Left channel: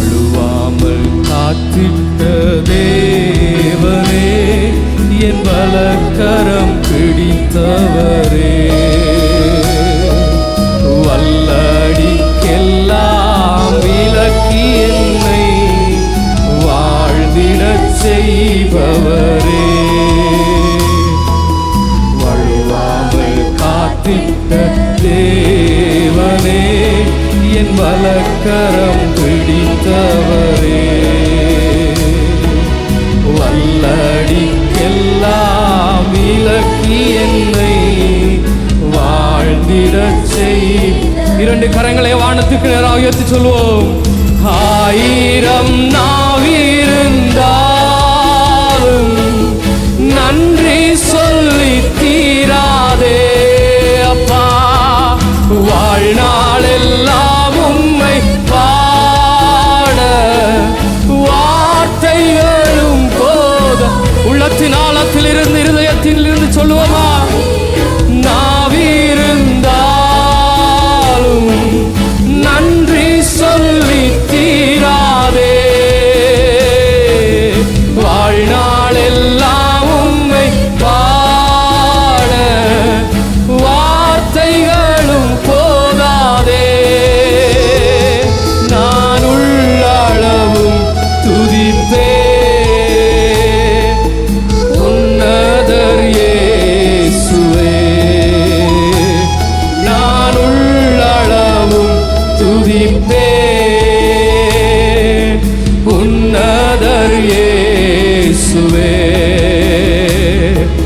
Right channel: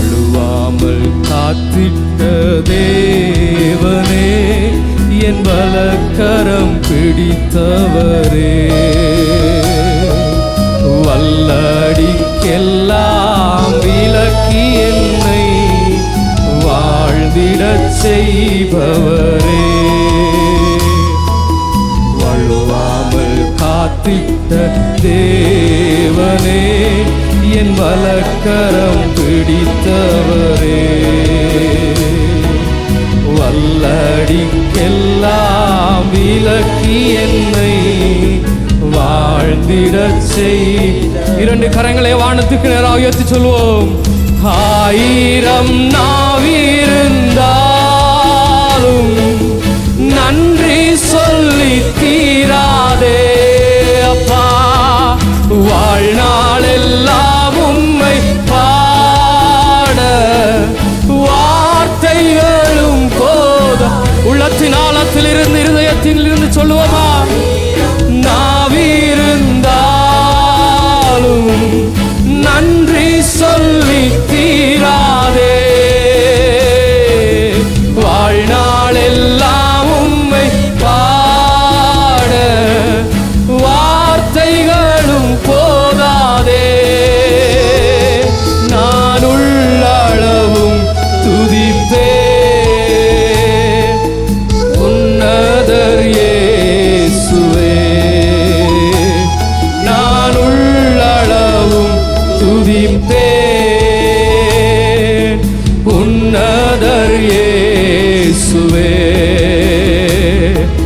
வழுவாமல் காத்திட்ட தேவனே, என் வலக்கரம் பிடித்தவரே, வல்லடிக்கெல்லாம் விலக்கி என்னை வாழ்ந்திடச் செய்பவரே, வழுவாமல் காத்திட்ட தேவனே, என் வலக்கரம் பிடித்தவரே, வல்லடிக்கெல்லாம் விலக்கி என்னை வாழ்ந்திடச் செய். இரண்டு கரங்களை வானத்துக்கு நேராக உயர்த்தி சொல்வோம். ஆயிரம் நாவிருந்தாலும் நன்றி சொல்லி தீராதே அப்பா, வாழ்நாளெல்லாம் உம்மை பாட வார்த்தைகளும் போத. உள்ளத்தின் ஆழத்தில் இருந்து இருதயத்தில் இருந்து சொல்லுவோமா? நாவிருந்தாலும் நன்றி சொல்லி தீராதே, வாழ்நாளெல்லாம் உம்மை பாட வார்த்தைகளும் போதாதே. நான் உள்ளளவும் துதிப்பே உன்னதர் இயேசுவே, நான் உள்ளளவும் துதிப்பே